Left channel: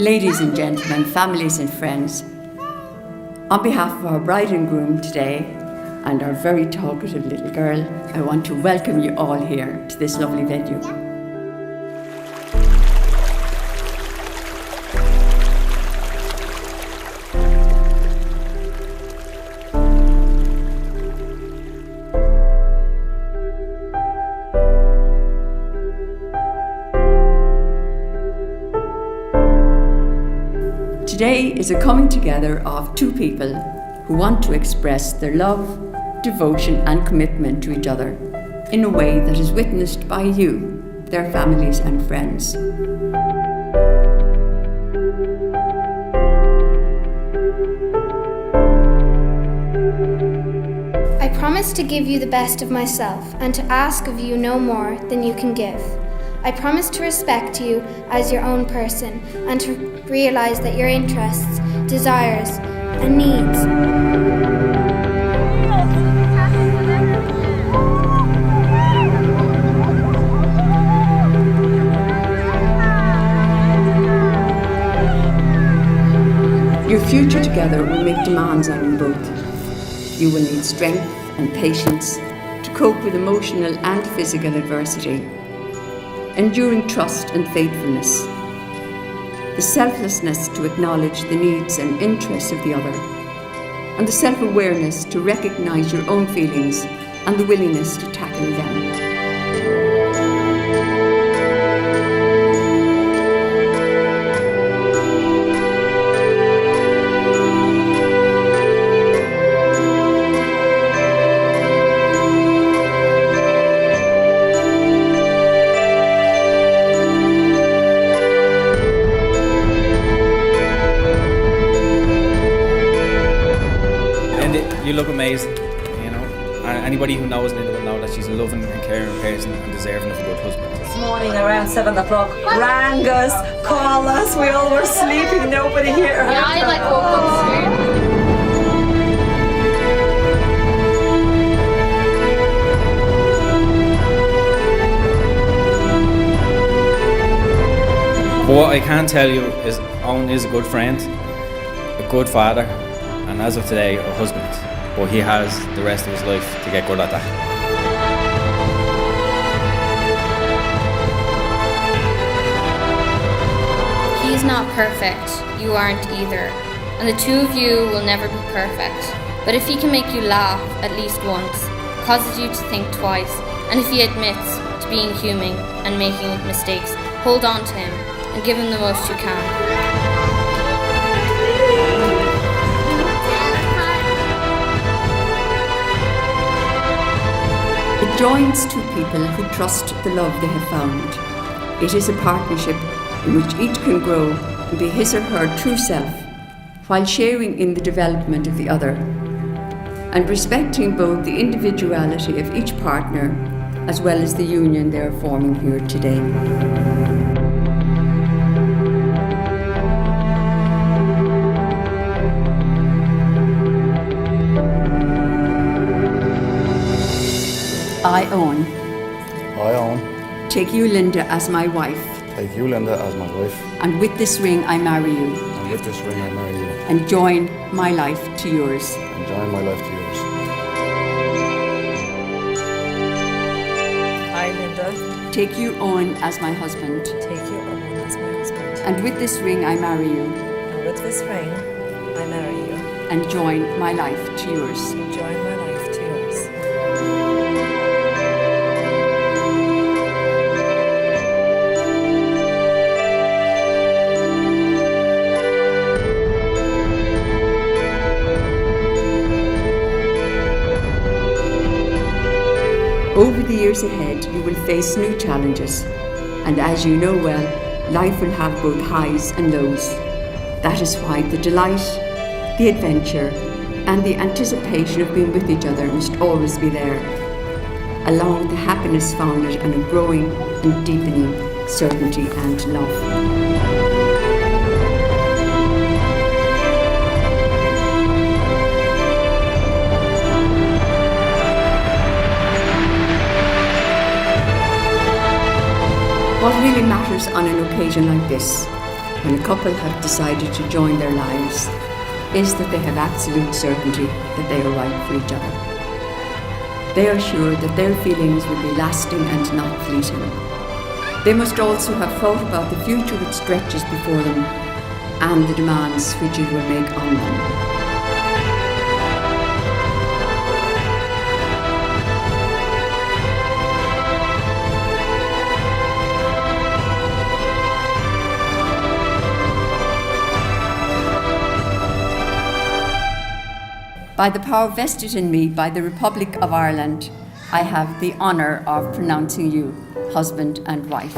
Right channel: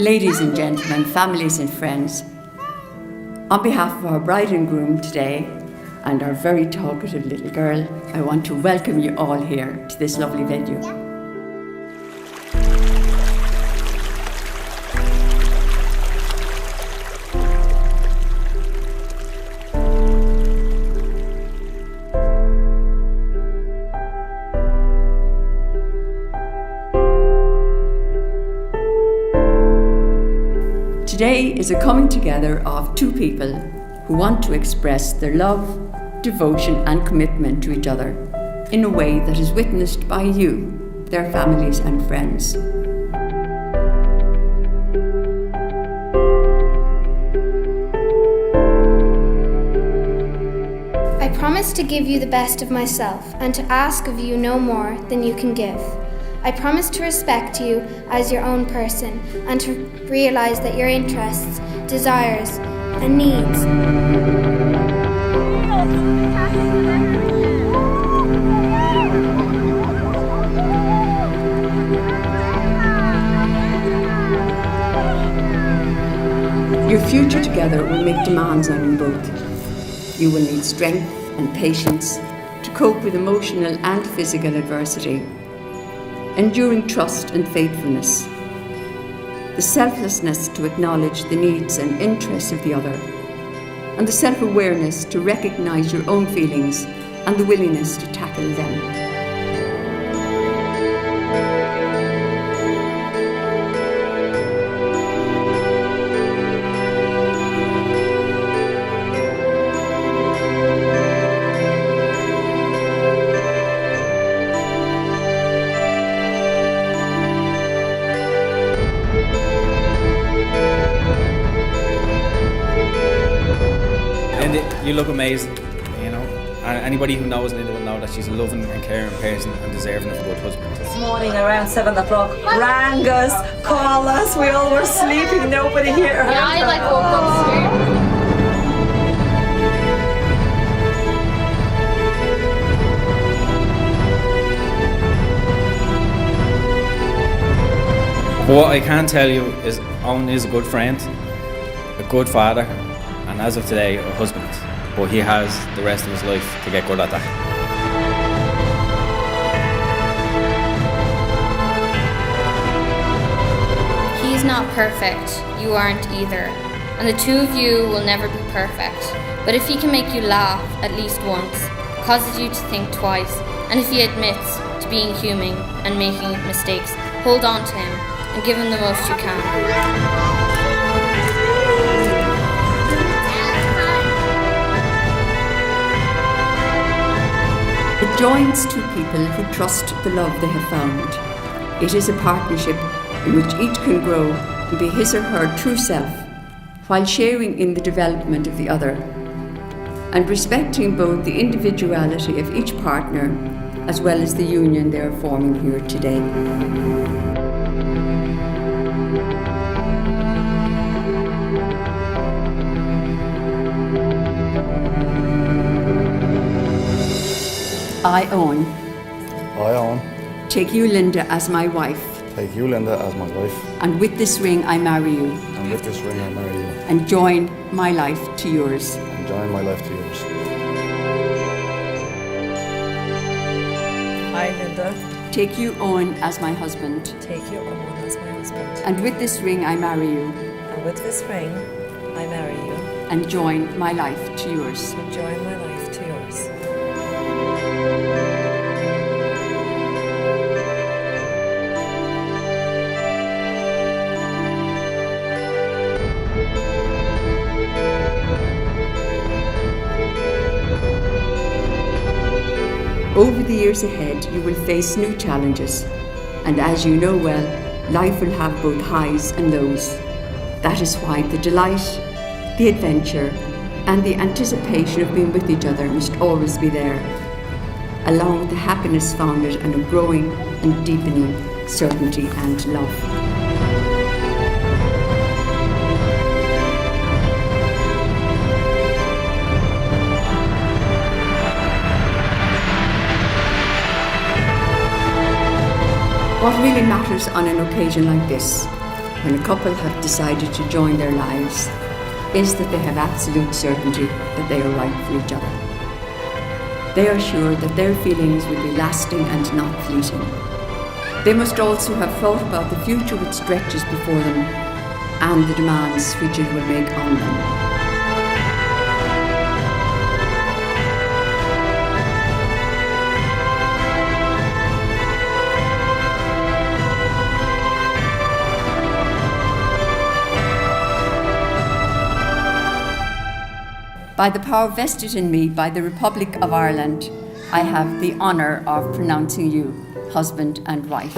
Ladies and gentlemen, families and friends, on behalf of our bride and groom today and our very talkative little girl, I want to welcome you all here to this lovely venue. Today is a coming together of two people who want to express their love, devotion and commitment to each other in a way that is witnessed by you, their families and friends. I promise to give you the best of myself and to ask of you no more than you can give. I promise to respect you as your own person and to realize that your interests, desires, and needs Your future together will make demands on you both. You will need strength and patience to cope with emotional and physical adversity, enduring trust and faithfulness, the selflessness to acknowledge the needs and interests of the other, and the self-awareness to recognize your own feelings and the willingness to tackle them. You look amazing, you know, and anybody who knows Linda will know that she's a loving and caring person and deserving of a good husband. This morning around 7 o'clock, rang us, called us, we all were sleeping, nobody here. Yeah, I woke up scared. What I can tell you is Eoin is a good friend, a good father, and as of today, a husband. But he has the rest of his life to get good at that. He's not perfect, you aren't either, and the two of you will never be perfect. But if he can make you laugh at least once, causes you to think twice, and if he admits to being human and making mistakes, hold on to him and give him the most you can. It joins two people who trust the love they have found. It is a partnership in which each can grow and be his or her true self, while sharing in the development of the other, and respecting both the individuality of each partner as well as the union they are forming here today. I, Eoin, take you, Linda, as my wife. Take you, Linda, as my wife. And with this ring I marry you. And with this ring I marry you. And join my life to yours. And join my life to yours. I, Linda, take you, Eoin, as my husband. take you, Eoin, as my husband. And with this ring I marry you. And with this ring, I marry you. And join my life to yours. And join my life to yours. Over the years ahead, you will face new challenges, and as you know well, life will have both highs and lows. That is why the delight, the adventure, and the anticipation of being with each other must always be there, along with the happiness founded on a growing and deepening certainty and love. What really matters on an occasion like this when a couple have decided to join their lives is that they have absolute certainty that they are right for each other. They are sure that their feelings will be lasting and not fleeting. They must also have thought about the future which stretches before them and the demands which it will make on them. By the power vested in me by the Republic of Ireland, I have the honour of pronouncing you husband and wife.